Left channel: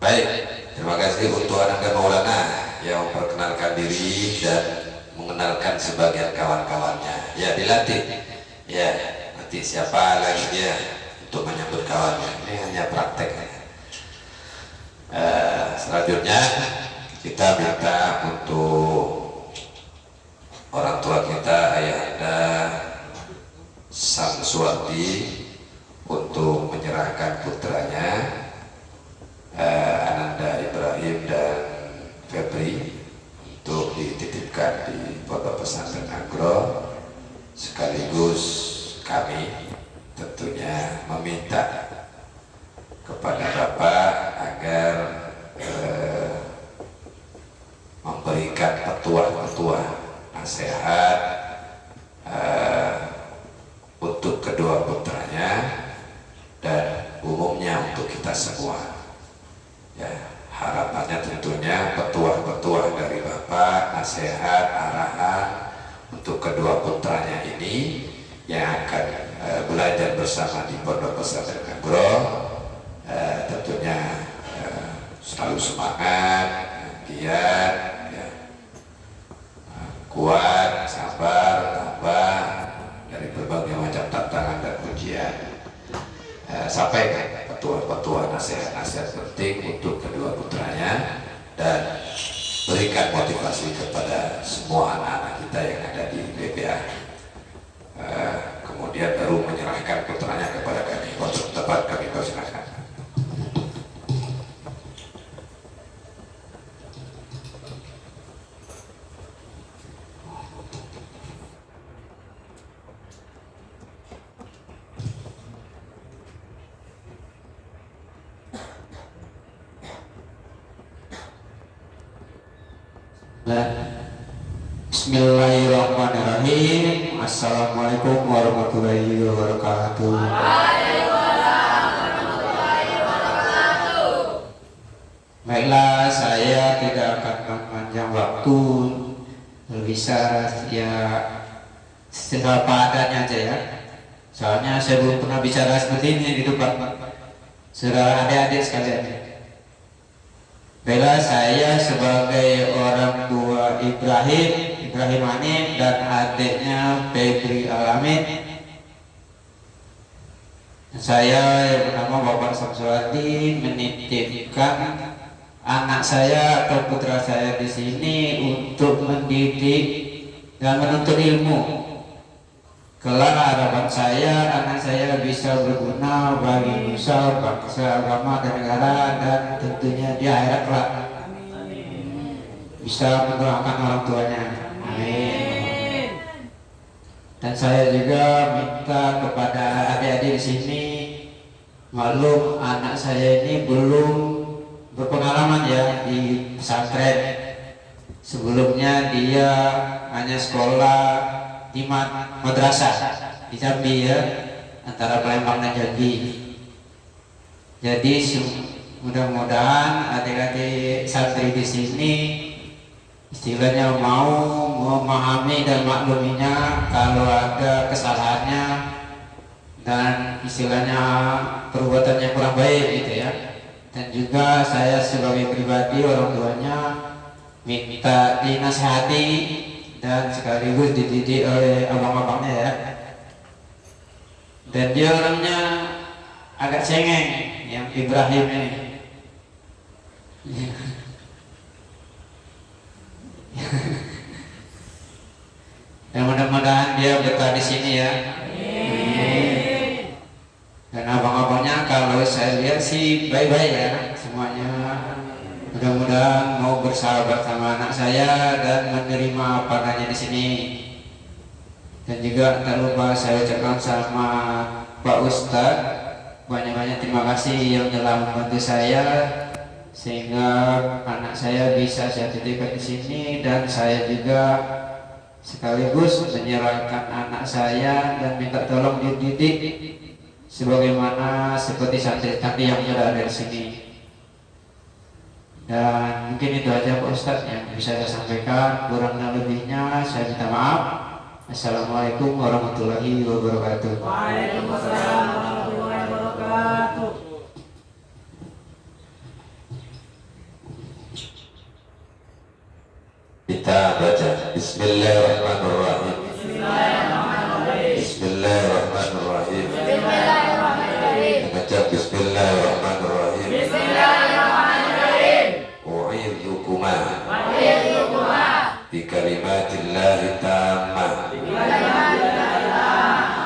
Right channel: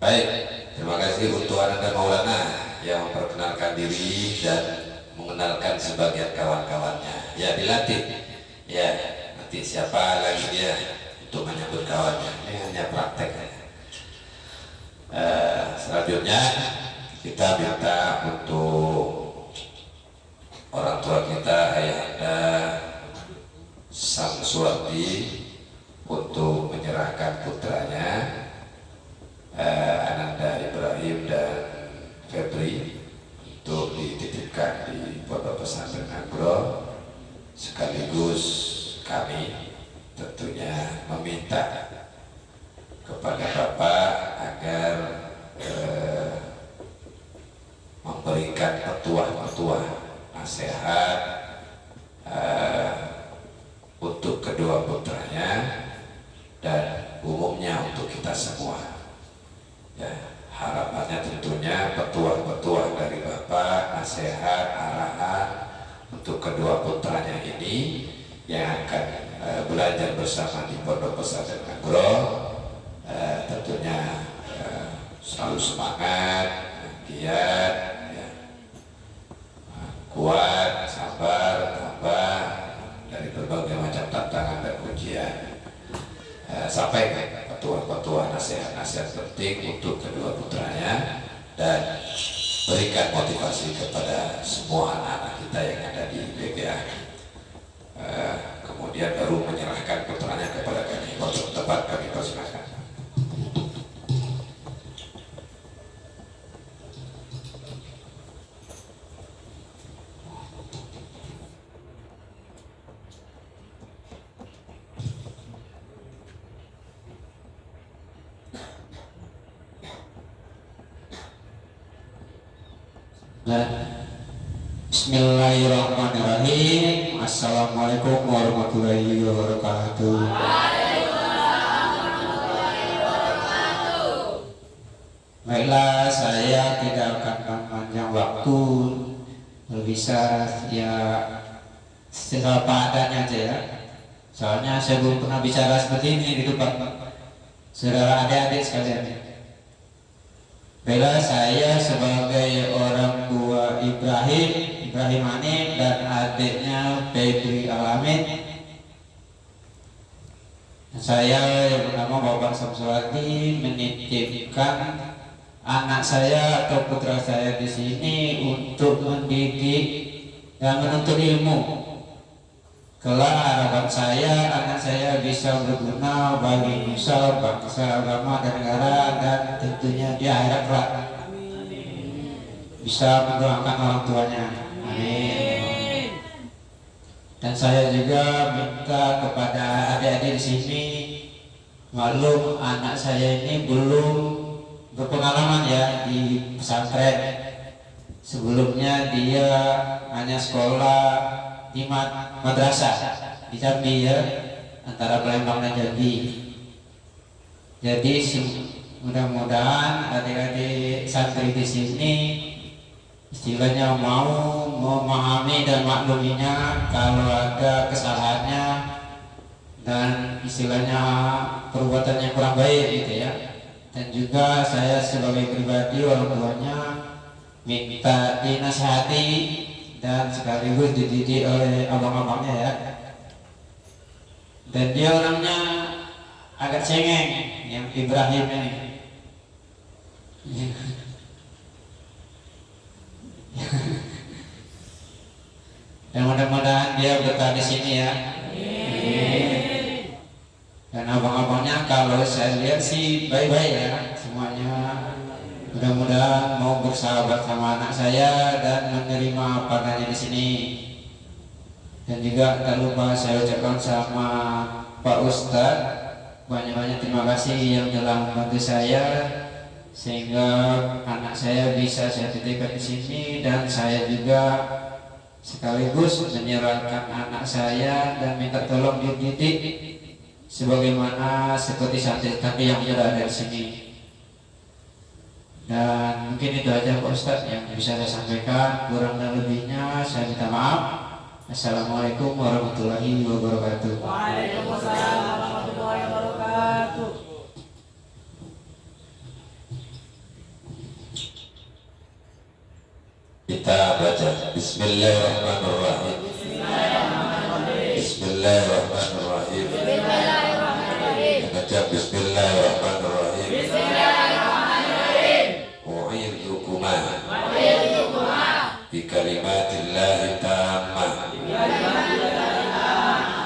Baik, terima kasih untuk Anda Maulana yang memperkenalkan diri dan mengenalkan sebagian kawan-kawannya. Ya, dilatih. Ya, nanti siapa lagi dia untuk menyambut kawannya. Ini hanya praktek. Selanjutnya kita minta untuk orang tua kita, ayahanda Samsuardi, untuk menyerahkan putranya Ananda Ibrahim dan Febri untuk dititipkan di Pondok Pesantren Agro, sekaligus kami tentunya meminta kepada Bapak agar memberikan petuah-petuah nasihat untuk kedua putranya dan umumnya untuk kita semua. Ya, harapannya tentunya petuah-petuah dari Bapak, nasihat, arahan untuk kedua putranya ini yang akan belajar bersama di Pondok Pesantren Agro, tentunya selalu semangat, giat, ya, kuat, sabar, tabah dari berbagai macam tantangan dan ujian. Sampaikan petuah-petuah nasihat-nasihat penting untuk kedua putranya dan berikan motivasi kepada semua anak-anak kita yang ada di BPA. Kemudian baru menyerahkan putranya kepada kami. Untuk tempat kami persilakan. Bismillahirrahmanirrahim. Assalamualaikum warahmatullahi wabarakatuh. Baiklah, saya tidak akan memanjang waktu, bisa ya secara padanya aja ya. Soalnya saya belum pernah bicara seperti ini di depan saudara adik-adik sekalian. Baiklah, saya sebagai orang tua Ibrahim Anin dan adiknya Febri Alamin, saya yang bernama Bapak Samsuardi menitipkan anak saya atau putra saya di sini untuk mendidik dan menuntut ilmu. Kelak harapan saya anak saya bisa berguna bagi nusa, bangsa, agama dan negara, dan tentunya di akhirat kelak bisa mendoakan orang tuanya. Amin. Dan saya juga minta kepada adik-adik di sini, maklum anak saya ini belum berpengalaman ya di pesantren. Sebelumnya dia hanya sekolah di madrasah di Jambi ya, antara Palembang dan Jambi. Jadi mudah-mudahan adik-adik santri di sini istilahnya mau memahami dan makluminya kalau ada kesalahannya dan istilahnya perbuatannya kurang baik gitu ya. Dan juga saya sebagai pribadi orang tuanya minta dinasihati dan sekaligus dididik oleh abang-abangnya ya. Dan dia orangnya agak cengeng, yang Ibrahim ini. Dan mudah-mudahan dia betah di sini ya. Dan abang-abangnya kalau saya lihat sih baik-baik ya semuanya. Mudah-mudahan mau bersahabat sama anak saya dan menerima pandangannya di sini. Dan juga tak lupa saya ucapkan sama Pak Ustadz banyak-banyak terima kasih yang telah membantu saya sehingga anak saya bisa saya titipkan di sini, dan saya juga sekaligus menyerahkan anak saya dan minta tolong dididik sebagaimana seperti santri-santri yang sudah ada di sini. Dan mungkin itu aja Pak Ustadz yang bisa saya sampaikan, kurang dan lebihnya saya minta maaf. Assalamualaikum warahmatullahi wabarakatuh. Waalaikumsalam warahmatullahi wabarakatuh. Bismillahirrahmanirrahim. Bismillahirrahmanirrahim. Baca Bismillahirrahmanirrahim. U'idhukuma bi kalimatillahi tammah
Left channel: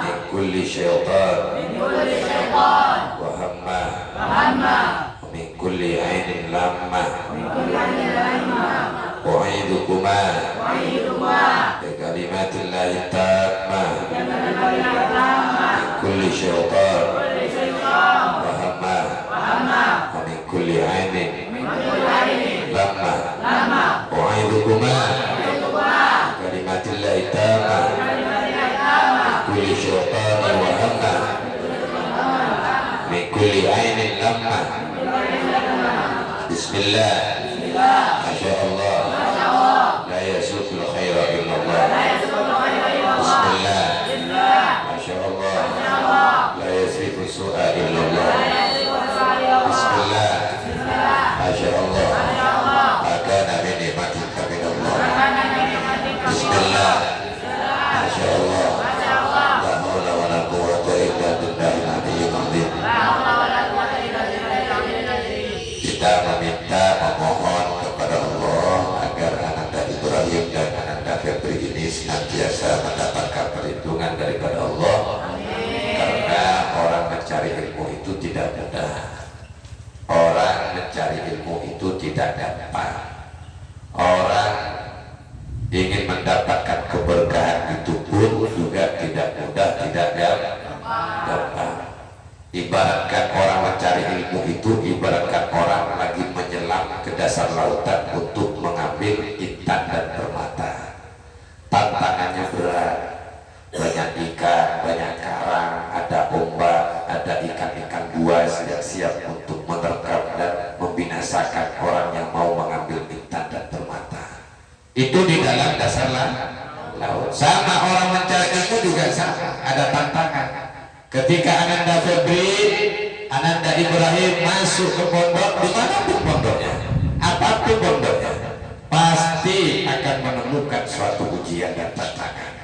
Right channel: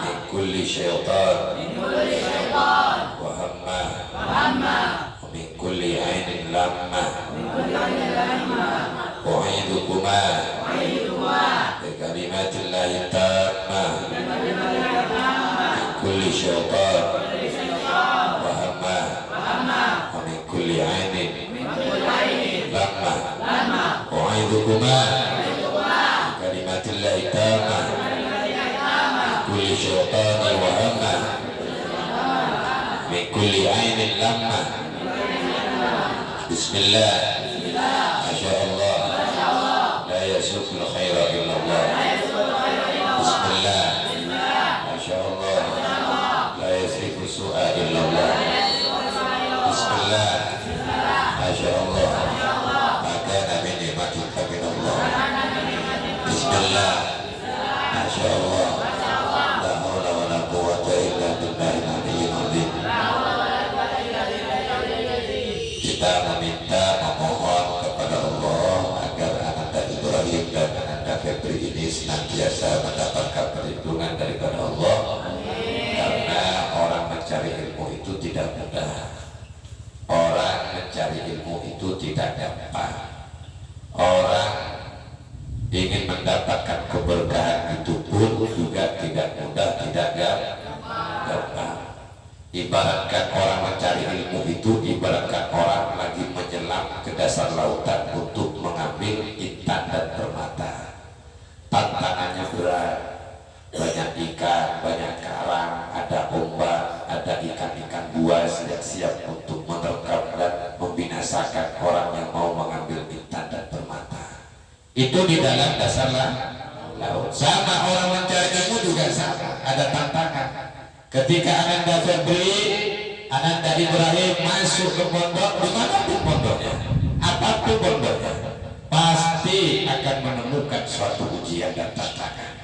min kulli syaitan wa hammah wa min kulli ainin lammah. U'idhukuma bi kalimatillahi tammah min kulli syaitan wa hammah wa min kulli ainin lammah. U'idhukuma kalimatillahi tammah kulli syaitani wa hammah min kulli ainin lammah. Bismillah. Masya Allah. La yasukul khaira illallah. Bismillah. Masya Allah. La yasrifu su'a illallah. Bismillah. Masya Allah. Maka nabi nikmatin faminallah. Bismillah. Masya Allah. La hawla wa la quwwata illa billahil aliyyil azim. Kita meminta, memohon kepada Allah agar Ananda Ibrahim dan Ananda Febri ini senantiasa mendapatkan perlindungan daripada Allah. Karena orang mencari ilmu itu tidak mudah. Orang mencari ilmu itu tidak gampang. Orang ingin mendapatkan keberkahan itu pun juga tidak mudah, tidak gampang. Ibaratkan orang mencari ilmu itu ibaratkan orang lagi menyelam ke dasar lautan untuk mengambil intan dan permata. Tantangannya berat, banyak ikan, banyak karang, ada ombak, ada ikan-ikan buas yang siap untuk menerkam dan membinasakan orang yang mau mengambil intan dan permata. Itu di dalam dasar laut. Sama orang mencari ilmu juga sama, ada tantangan. Ketika Ananda Febri, Ananda Ibrahim masuk ke pondok, dimanapun pondoknya, apapun pondoknya, pasti akan menemukan suatu ujian dan tantangan.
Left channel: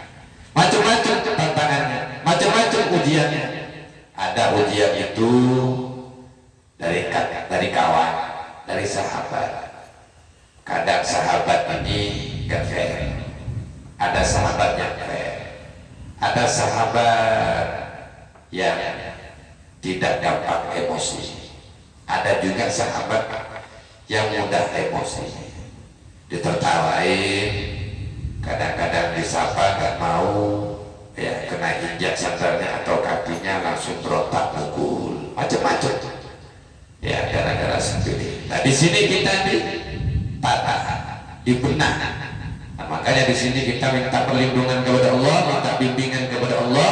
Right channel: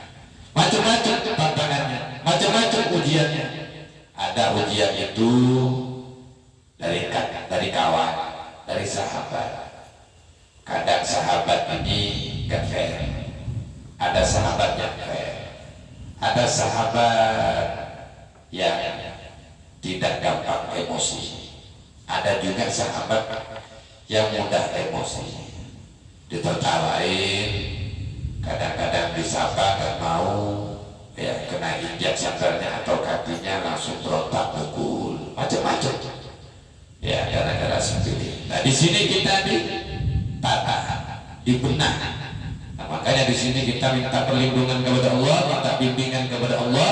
Macam-macam tantangannya, macam-macam ujiannya. Ada ujian itu dari kawan, dari sahabat. Kadang sahabat ini gak fair, ada sahabat yang fair, ada sahabat yang tidak gampang emosi, ada juga sahabat yang mudah emosi, ditertawain, kadang-kadang disapa gak mau, ya kena injak sandalnya atau kakinya langsung berontak mukul, macam-macam, ya gara-gara sendiri. Nah di sini kita ditata, dibenah. Nah, makanya di sini kita minta perlindungan kepada Allah, minta bimbingan kepada Allah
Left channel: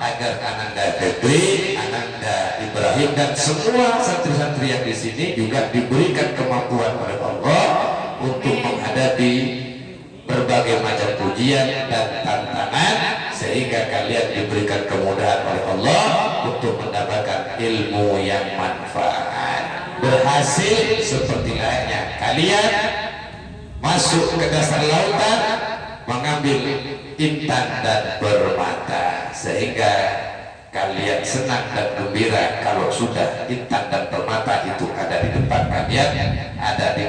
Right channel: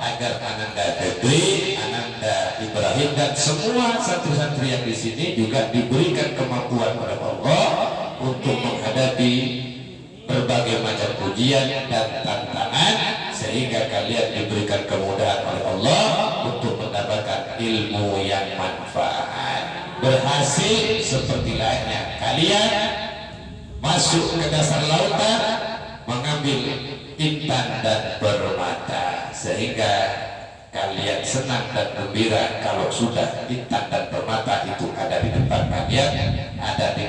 agar Ananda Febri, Ananda Ibrahim dan semua santri-santri yang di sini juga diberikan kemampuan oleh Allah untuk menghadapi berbagai macam ujian dan tantangan, sehingga kalian diberikan kemudahan oleh Allah untuk mendapatkan ilmu yang manfaat, berhasil seperti layaknya kalian masuk ke dasar lautan mengambil intan dan permata, sehingga kalian senang dan gembira kalau sudah intan dan permata itu ada di depan kalian, ada di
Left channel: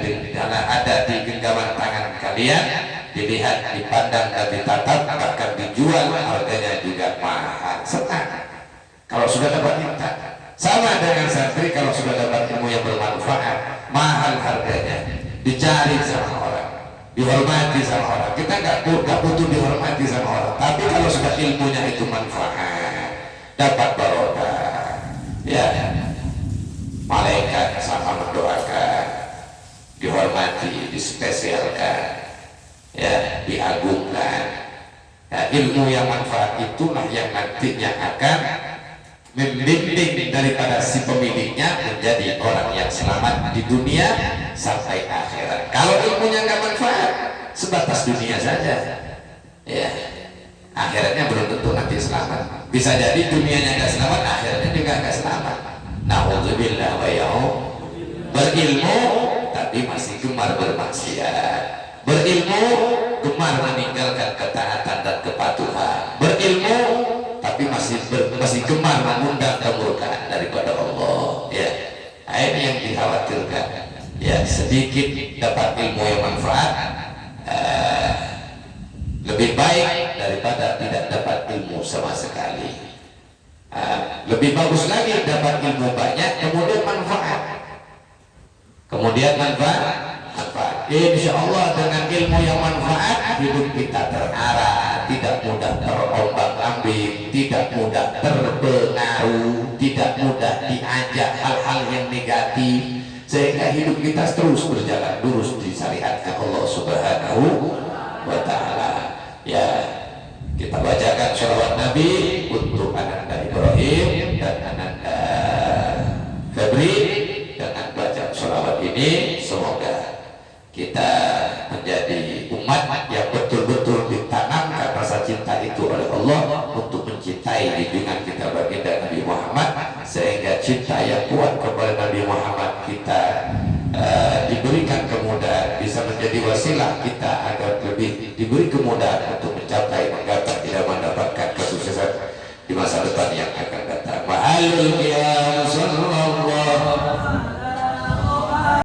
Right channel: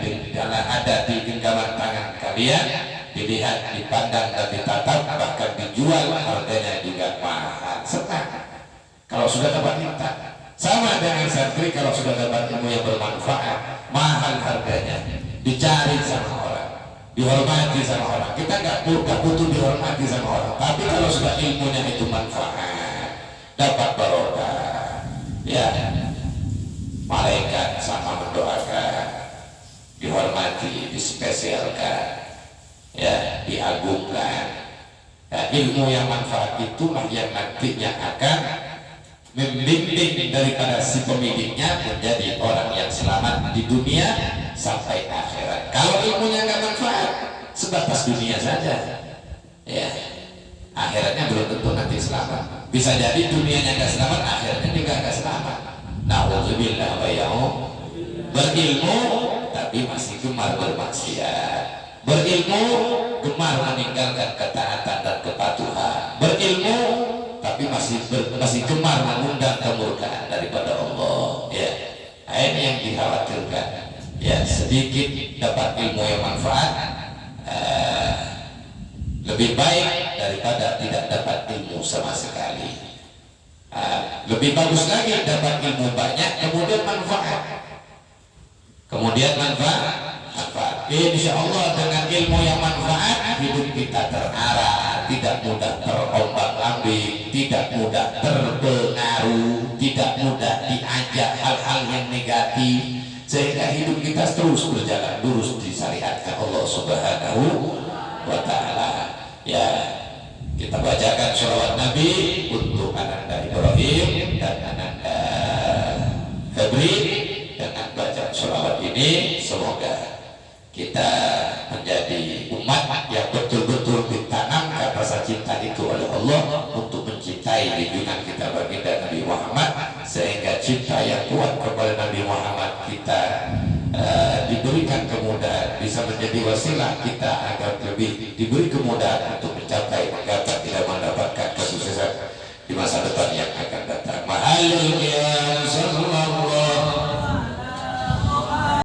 genggaman tangan kalian, dilihat, dipandang dan ditatap, bahkan dijual, harganya juga mahal. Senang kalau sudah dapat intan. Sama dengan santri, kalau sudah dapat ilmu yang bermanfaat, mahal harganya, dicari sama orang, dihormati sama orang. Kita nggak butuh dihormati sama orang, tapi kalau sudah ilmunya itu manfaat, dapat barokah, ya malaikat sama mendoakan, dihormati, dispesialkan, ya diagungkan. Nah, ilmu yang manfaat itulah yang nantinya akan membimbing daripada si pemiliknya menjadi orang yang selamat di dunia sampai akhirat. Kalau ilmunya nggak manfaat, sebatas dunia saja, ya akhiratnya belum tentu nanti selamat. Bisa jadi dunianya nggak selamat, akhiratnya juga nggak selamat. Nauzubillah wa ya'ud. Berilmu tapi masih gemar bermaksiat, berilmu gemar meninggal ini yang dikhawatirkan. Ya, sedikit dapat ilmu yang manfaat lebih baik daripada tidak dapat ilmu sama sekali. Lebih bagus lagi dapat ilmu banyak kemudian manfaat. Insya Allah dengan ilmu yang manfaat hidup kita terarah, tidak mudah terombang-ambing, tidak mudah terpengaruh, tidak mudah diajak hal-hal yang negatif, sehingga hidup kita terus berjalan lurus di syariatnya Allah Subhanahu wa Ta'ala. Ya, kita bacakan sholawat Nabi untuk Ananda Ibrahim dan Ananda Febri. Dengan baca sholawat ini semoga kita menjadi umat yang betul-betul ditanamkan rasa cinta itu oleh Allah untuk mencintai junjungan kita baginda Nabi Muhammad, sehingga cinta yang kuat kepada Nabi Muhammad kita diberikan kemudahan, bisa menjadi wasilah kita agar lebih diberi kemudahan untuk mencapai, menggapai, tidak mendapatkan kesuksesan di masa depan yang akan datang. Ma'alul